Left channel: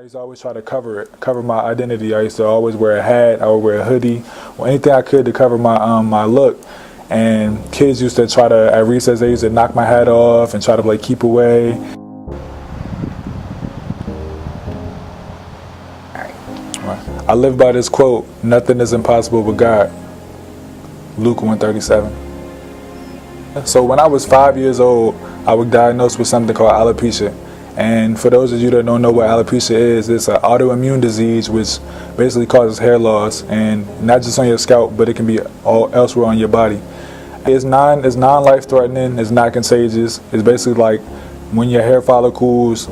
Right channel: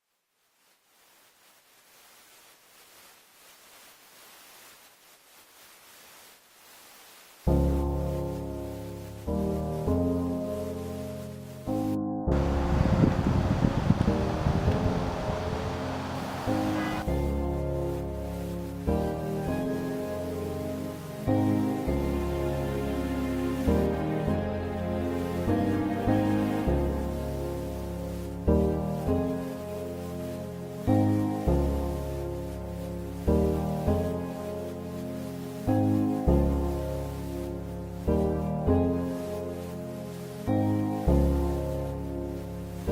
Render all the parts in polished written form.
I used to always try to cover my identity. I used to always wear a hat, I would wear a hoodie, or anything I could to cover my my look. And kids used to try to, at recess, they used to knock my hat off and try to like keep away. I live by this quote, "Nothing is impossible with God." Luke 1:37. So when I was 5 years old, I was diagnosed with something called alopecia. And for those of you that don't know what alopecia is, it's an autoimmune disease which basically causes hair loss, and not just on your scalp, but it can be all elsewhere on your body. It's non-life threatening, it's not contagious. It's basically like when your hair follicles,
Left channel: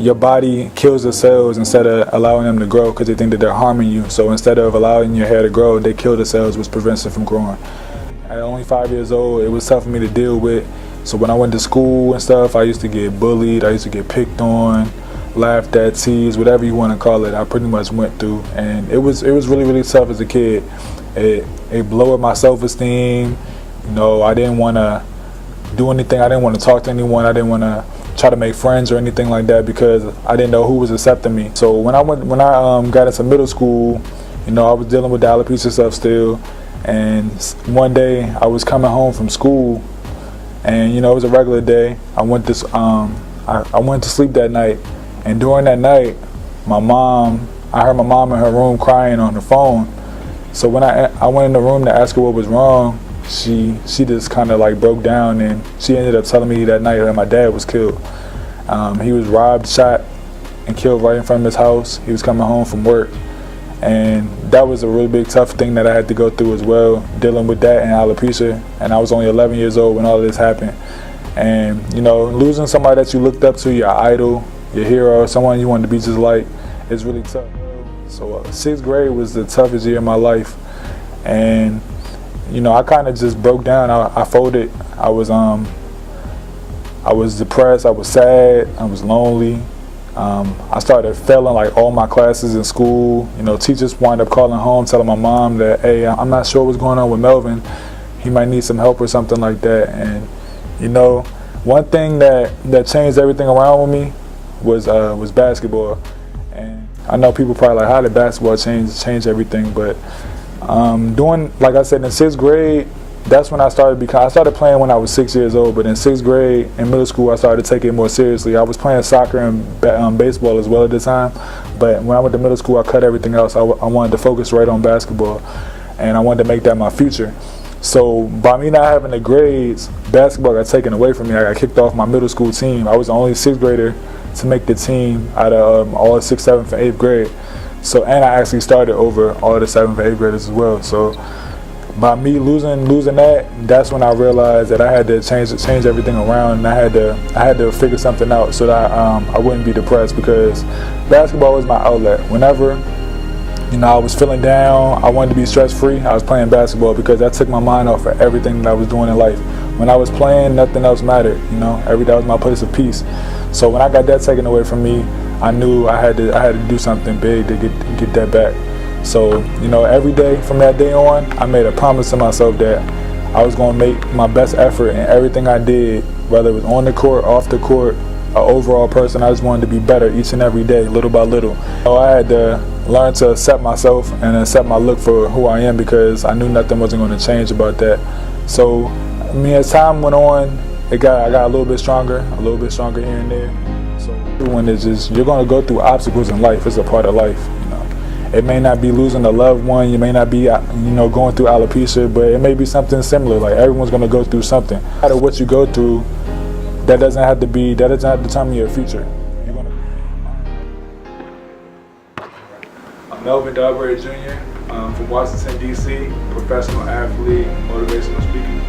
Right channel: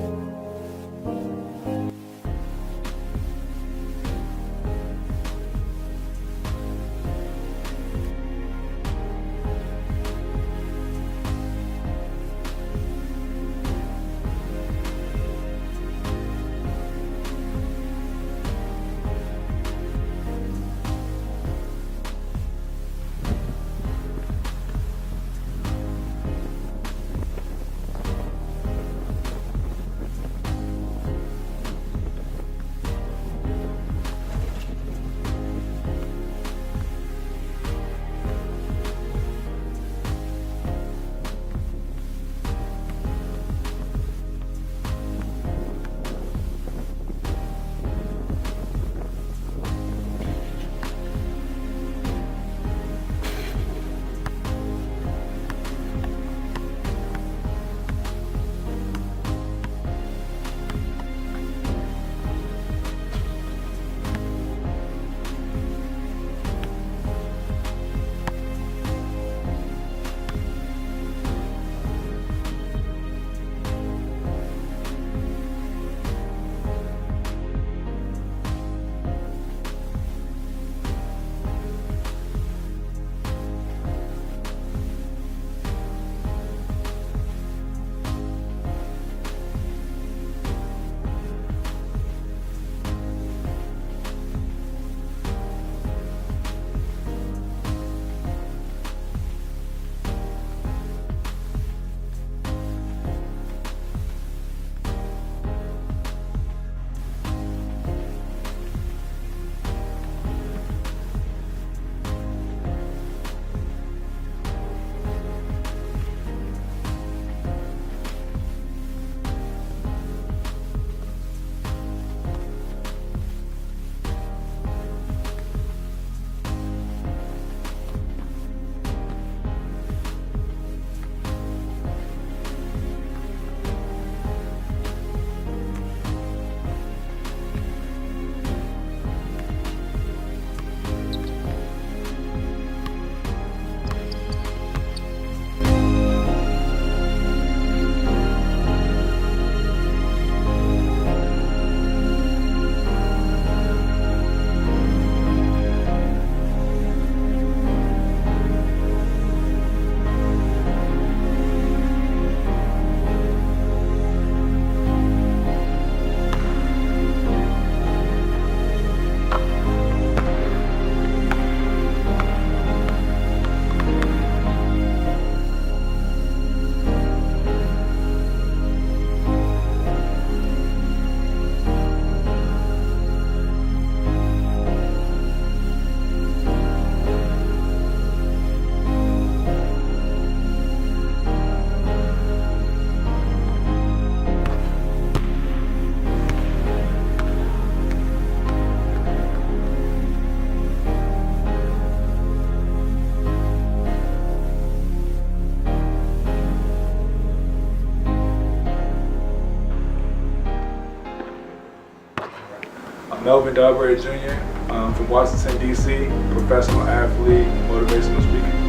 your body kills the cells instead of allowing them to grow because they think that they're harming you. So instead of allowing your hair to grow, they kill the cells, which prevents it from growing. At only 5 years old, it was tough for me to deal with. So when I went to school and stuff, I used to get bullied, I used to get picked on, laughed at, teased, whatever you want to call it. I pretty much went through, and it was really, really tough as a kid. It lowered my self-esteem. You know, I didn't want to do anything. I didn't want to talk to anyone. I didn't want to try to make friends or anything like that because I didn't know who was accepting me. So when I got into middle school, you know, I was dealing with the alopecia stuff still. And one day I was coming home from school, and you know, it was a regular day. I went to sleep that night, and during that night, I heard my mom in her room crying on the phone. So when I went in the room to ask her what was wrong, she just kind of like broke down, and she ended up telling me that night that my dad was killed. He was robbed, shot, and killed right in front of his house. He was coming home from work. And that was a really big tough thing that I had to go through as well, dealing with that and alopecia. And I was only 11 years old when all this happened. And you know, losing somebody that you looked up to, your idol, your hero, someone you wanted to be just like, is really tough. So 6th grade was the toughest year of my life. And you know, I kind of just broke down. I folded. I was depressed, I was sad, I was lonely. I started failing like all my classes in school. You know, teachers wind up calling home, telling my mom that, hey, I'm not sure what's going on with Melvin. He might need some help or something like that. And you know, one thing that changed everything around with me was basketball. And I know people probably like, how did basketball change everything? But like I said, in 6th grade, that's when I started playing when I was 6 years old, but in 6th grade, in middle school, I started to take it more seriously. I was playing soccer and baseball as well at the time, but when I went to middle school, I cut everything else. I wanted to focus right on basketball, and I wanted to make that my future. So by me not having the grades, basketball got taken away from me. I got kicked off my middle school team. I was the only 6th grader to make the team out of all 6th, 7th, and 8th grade. So, and I actually started over all the 7th and 8th graders as well. So by me losing that, that's when I realized that I had to change everything around, and I had to figure something out so that I wouldn't be depressed, because basketball was my outlet. Whenever, you know, I was feeling down, I wanted to be stress-free, I was playing basketball because that took my mind off of everything that I was doing in life. When I was playing, nothing else mattered, you know, that was my place of peace. So when I got that taken away from me, I knew I had to do something big to get that back. So, you know, every day from that day on, I made a promise to myself that I was going to make my best effort in everything I did, whether it was on the court, off the court, an overall person. I just wanted to be better each and every day, little by little. So I had to learn to accept myself and accept my look for who I am, because I knew nothing wasn't going to change about that. So, I mean, as time went on, I got a little bit stronger here and there. So everyone is just, you're going to go through obstacles in life. It's a part of life. It may not be losing a loved one, you may not be, you know, going through alopecia, but it may be something similar. Like, everyone's going to go through something. No matter what you go through, that doesn't have to determine your future. I'm Melvin Dolberry Jr. From Washington, D.C., professional athlete, motivational speaker.